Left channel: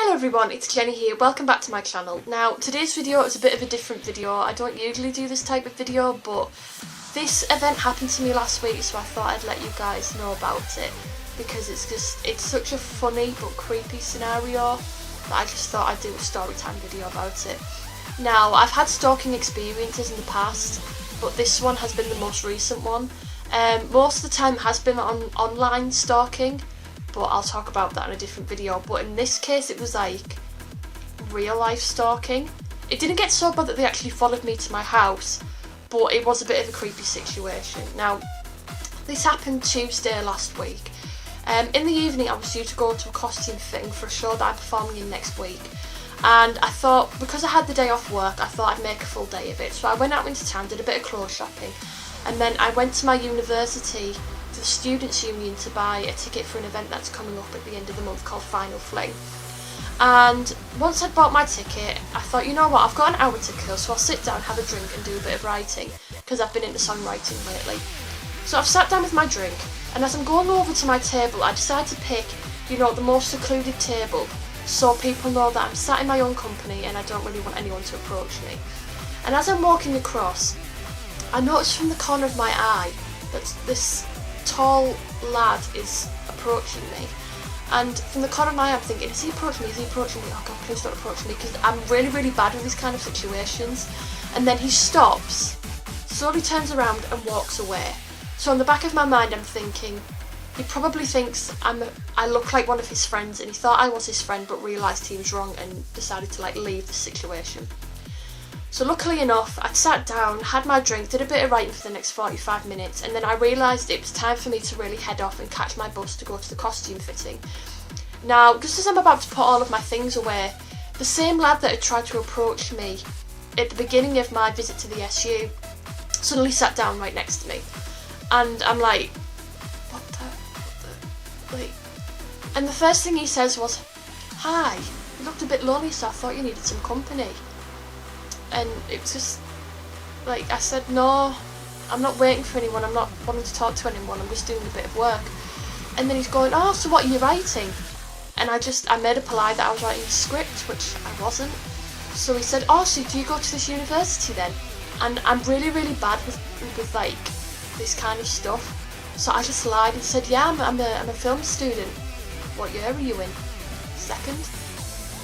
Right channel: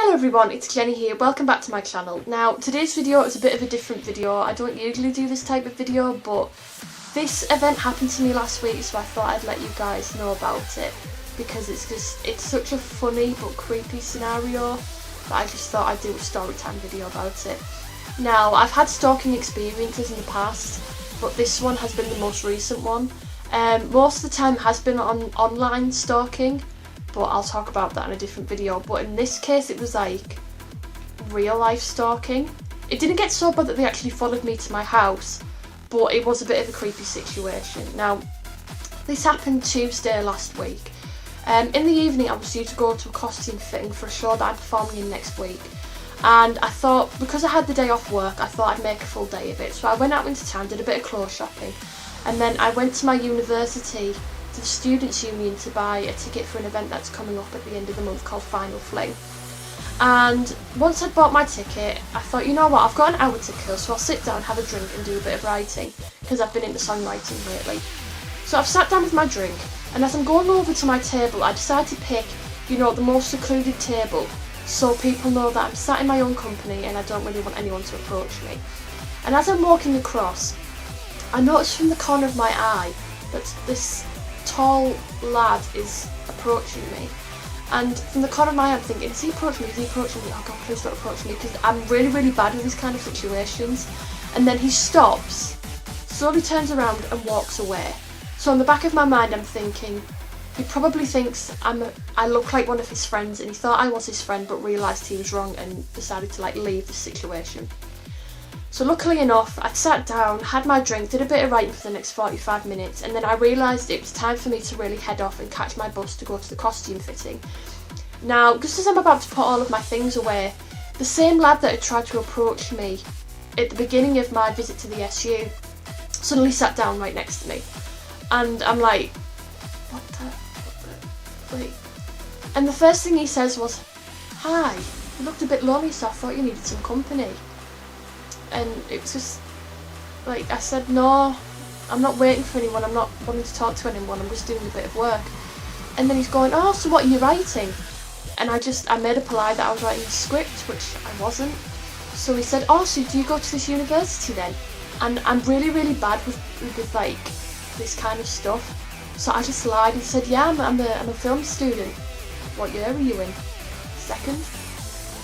Hello everyone, it's Jenny here, welcome back to my channel. Now today's video is a bit of a different video. I don't usually do this type of video, but this event happened to me last week, so I thought I'd let you guys know about it because it's such a funny but creepy scenario that I just thought I'd do a story time video about it. Now I've had stalking experiences in the past, but this one has been the most recent one. Most of the time it has been on online stalking, but I'll talk about that in a different video. But in this case it was like real life stalking. It didn't get so bad that they actually followed me to my house, but it was a bit of a creepy situation. Now this happened Tuesday last week. In the evening I was due to go to a costume fitting for a show that I'm performing in next week, and I thought, because I had the day off work, I thought I'd make a full day of it. So I went out into town, did a bit of clothes shopping, and then I went to my university, to the Students' Union, to buy a ticket for an event that's coming up at the end of the month called Final Fling. And once I'd bought my ticket, I thought, you know what, I've got an hour to kill, so I'll sit down, have a drink and do a bit of writing, because I've been into songwriting lately. So I've sat down with my drink, and as I'm going over to my table, I decided to pick, the most secluded table, so people know that I'm sat in my own company and I don't really want anyone to approach me. And as I'm walking across, I noticed from the corner of my eye that this tall lad is approaching me. And from the corner of my eye I'm thinking, is he approaching me? Is he approaching me? Oh God, please don't approach me, because I'm really, really bad in these kind of situations. And then he stops, slowly turns around and walks away. So in the back of my mind I'm thinking, he probably thinks I look like one of his friends, and he thought I was his friend but realised he was wrong and decided to leave the situation. So luckily enough, I'd sat down, had my drink, did a bit of writing for the next 45 minutes, and then I realised it was time for me to really head off and catch my bus to go to the costume fitting. Now, just as I'm about to put all of my things away, the same lad that had tried to approach me at the beginning of my visit to the SU suddenly sat down right next to me. And I'm like, what the, and the first thing he says was, hi, you looked a bit lonely, so I thought you needed some company. And it was just, I said, no, I'm not waiting for anyone, I'm not wanting to talk to anyone, I'm just doing a bit of work. And then he's going, oh, so what are you writing? And I made a polite that I was writing a script, which I wasn't. So he said, oh, so do you go to this university then? And I'm really, really bad with this kind of stuff. So I just lied and said, yeah, I'm a film student. What year are you in? Second?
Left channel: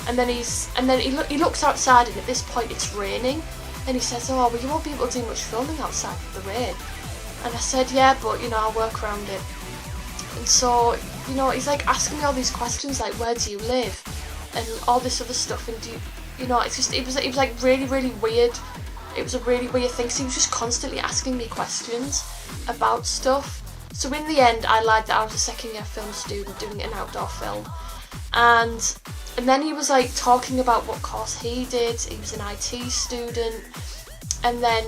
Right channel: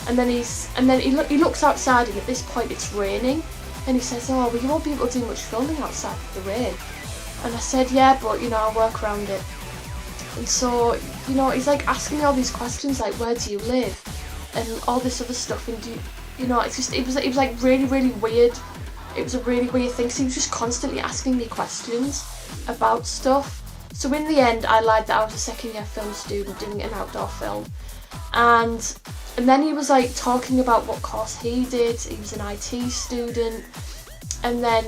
And then he looks outside, and at this point it's raining, and he says, oh, well, you won't be able to do much filming outside with the rain. And I said, yeah, but I'll work around it. And so he's asking me all these questions, like, where do you live, and all this other stuff, and it was really, really weird. It was a really weird thing, so he was just constantly asking me questions about stuff. So in the end I lied that I was a second year film student doing an outdoor film, and then he was talking about what course he did. He was an IT student, and then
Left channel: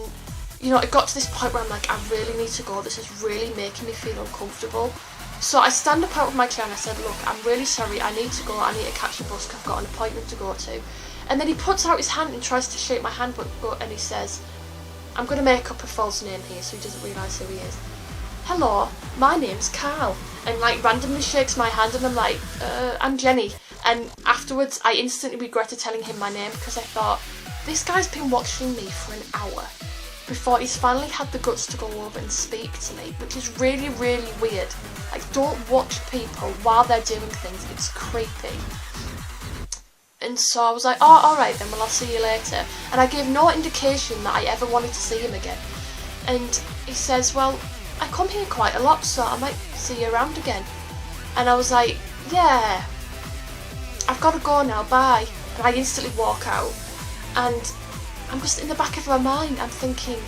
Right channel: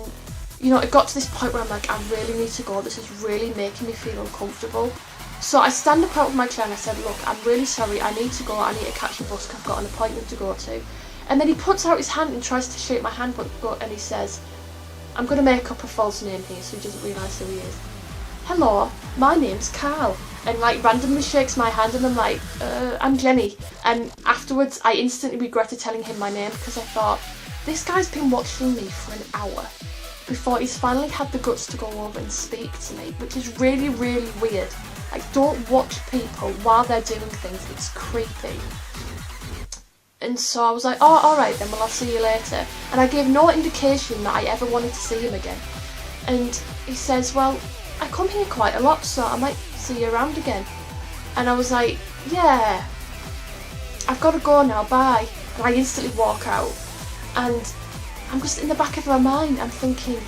it got to this point where I'm like, I really need to go, this is really making me feel uncomfortable. So I stand up out of my chair and I said, look, I'm really sorry, I need to go, I need to catch the bus because I've got an appointment to go to. And then he puts out his hand and tries to shake my hand, and he says, I'm going to make up a false name here so he doesn't realise who he is. Hello, my name's Carl. And randomly shakes my hand, and I'm like, I'm Jenny. And afterwards I instantly regretted telling him my name, because I thought, this guy's been watching me for an hour before he's finally had the guts to go over and speak to me, which is really, really weird. Don't watch people while they're doing things, it's creepy. And so I was like, oh, alright then, well, I'll see you later. And I gave no indication that I ever wanted to see him again. And he says, well, I come here quite a lot, so I might see you around again. And I was like, yeah, I've got to go now, bye. And I instantly walk out. And I'm just in the back of my mind, I'm thinking,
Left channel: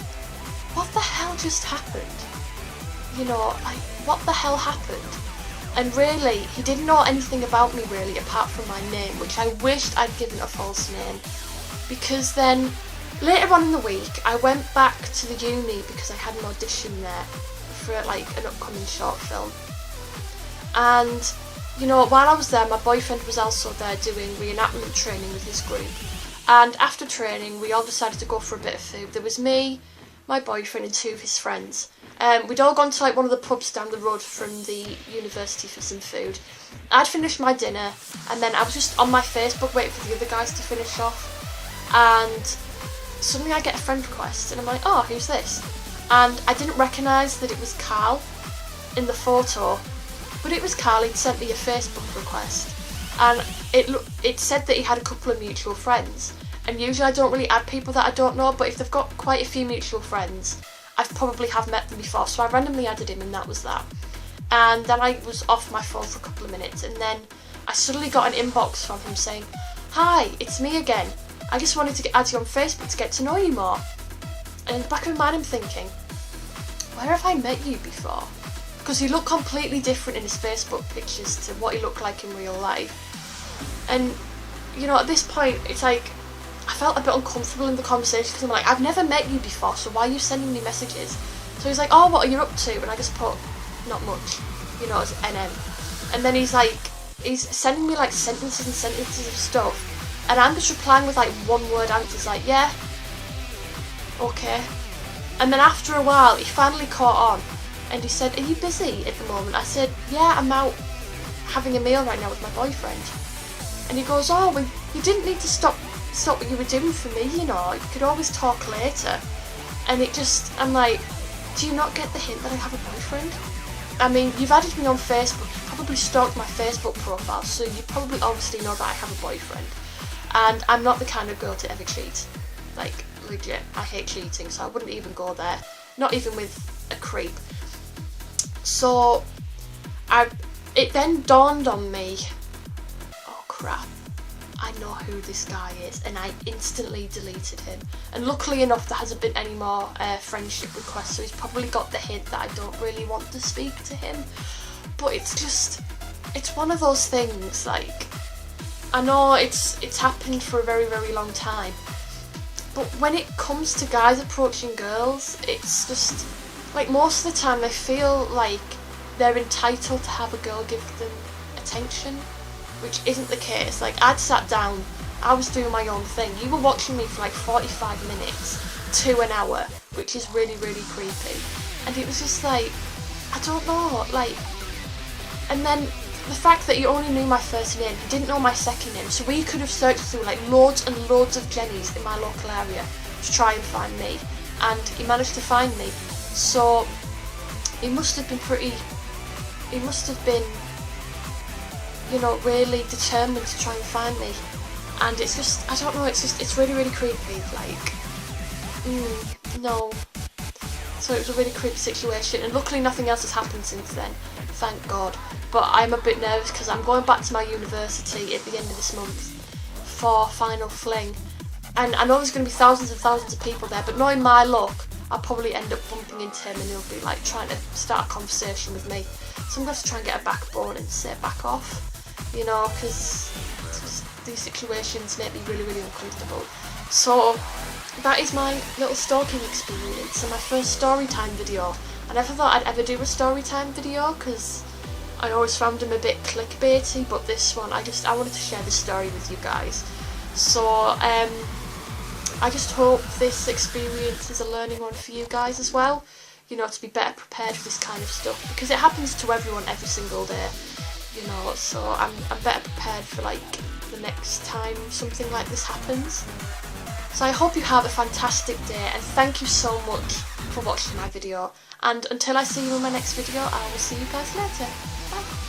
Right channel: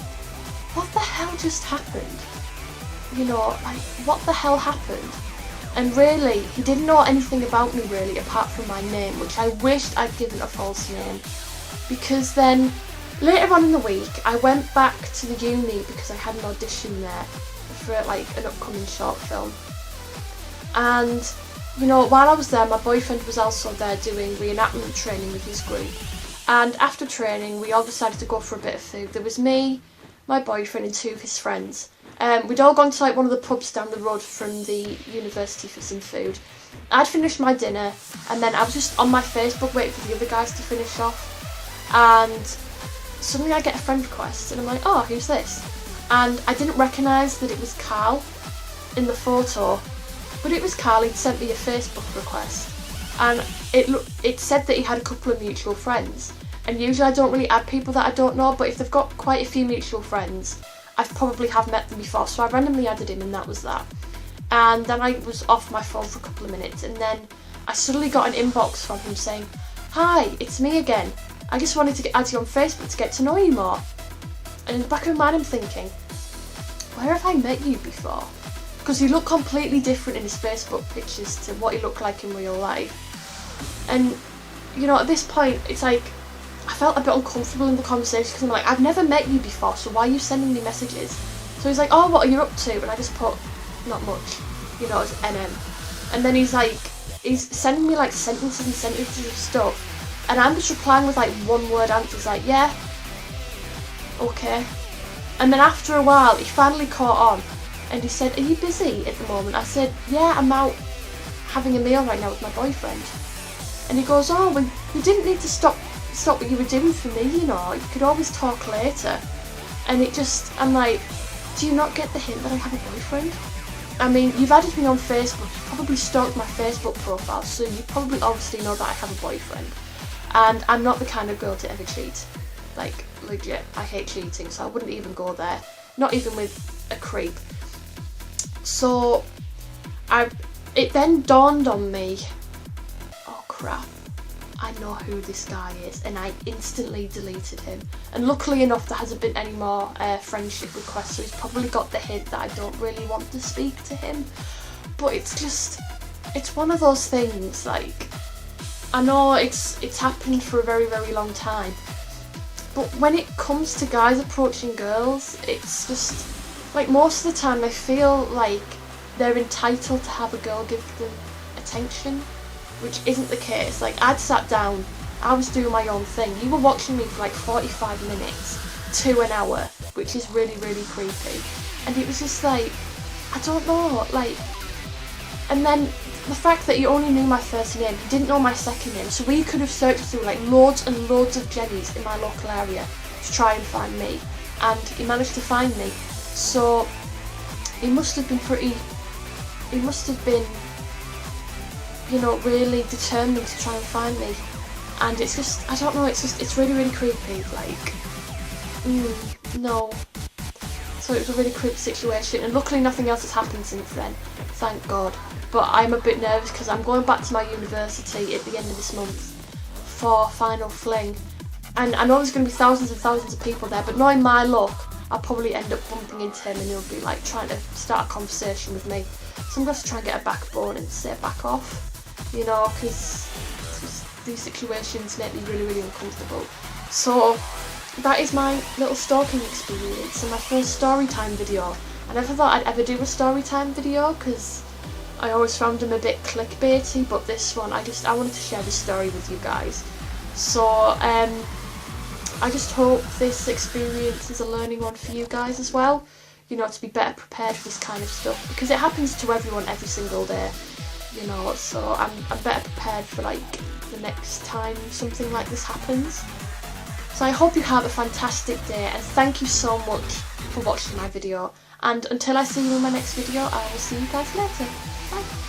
what the hell just happened? What the hell happened? And really, he didn't know anything about me really, apart from my name, which I wished I'd given a false name. Because then, later on in the week, I went back to the uni because I had an audition there for an upcoming short film. And, while I was there, my boyfriend was also there doing reenactment training with his group. And after training, we all decided to go for a bit of food. There was me, my boyfriend and two of his friends. We'd all gone to like one of the pubs down the road from the university for some food. I'd finished my dinner, and then I was just on my Facebook waiting for the other guys to finish off, and suddenly I get a friend request, and I'm like, oh, who's this? And I didn't recognise that it was Carl in the photo, but it was Carl. He'd sent me a Facebook request, and it said that he had a couple of mutual friends, and usually I don't really add people that I don't know, but if they've got quite a few mutual friends, I probably have met them before, so I randomly added him, and that was that. And then I was off my phone for a couple of minutes, and then I suddenly got an inbox from him saying, hi, it's me again. I just wanted to add you on Facebook to get to know you more. And in the back of my mind I'm thinking, where have I met you before? Because he looked completely different in his Facebook pictures to what he looked like in real life. And, you know, at this point, it's like, I felt a bit uncomfortable in the conversation because I'm like, I've never met you before, so why are you sending me messages? So he's like, oh, what are you up to? And I just put, not much, you know, as NM. And then he's sending me like sentences and sentences of stuff. And I'm just replying with like one word answers like, yeah, okay. And then after a while, he finally caught on and he said, are you busy at the moment? I said, yeah, I'm out having a meal right now with my boyfriend. And he goes, oh, well, you didn't need to stop what you were doing for me, you know, you could always talk later. And it just, I'm like, do you not get the hint that I have a boyfriend? I mean, you've added me on Facebook, you probably stalked my Facebook profile, so you probably obviously know that I have a boyfriend. And I'm not the kind of girl to ever cheat. Like, legit, I hate cheating, so I wouldn't even go there. Not even with a creep. So, it then dawned on me, oh crap, I know who this guy is, and I instantly deleted him. And luckily enough, there hasn't been any more friendship requests, so he's probably got the hint that I don't really want to speak to him. But it's just, it's one of those things, like, I know it's happened for a very, very long time, but when it comes to guys approaching girls, it's just, like, most of the time I feel like they're entitled to have a girl give them attention, which isn't the case. Like, I'd sat down, I was doing my own thing, you were watching me for like 45 minutes to an hour, which is really, really creepy. And it was just like, I don't know, like, and then the fact that you only knew my first name, you didn't know my second name, so we could have searched through like loads and loads of Jennies in my local area to try and find me, and he managed to find me. So he must have been, you know, really determined to try and find me. And it's just, I don't know, it's really, really creepy, like, no. So it was a really creepy situation, and luckily nothing else has happened since then, thank God. But I'm a bit nervous because I'm going back to my university at the end of this month for final fling. And I know there's going to be thousands and thousands of people there, but knowing my luck, I'll probably end up bumping into him and he'll be like trying to start a conversation with me. So I'm going to have to try and get a backbone and say back off, you know, because these situations make me really, really uncomfortable. So that is my little stalking experience and my first story time video. I never thought I'd ever do a story time video because I always found them a bit clickbaity, but this one, I wanted to share this story with you guys. So I just hope this experience is a learning one for you guys as well, you know, to be better prepared for this kind of stuff, because it happens to everyone every single day, you know, so I'm better prepared for like the next time something like this happens. So I hope you have a fantastic day, and thank you so much for watching my video, and until I see you in my next video, I will see you guys later. Bye.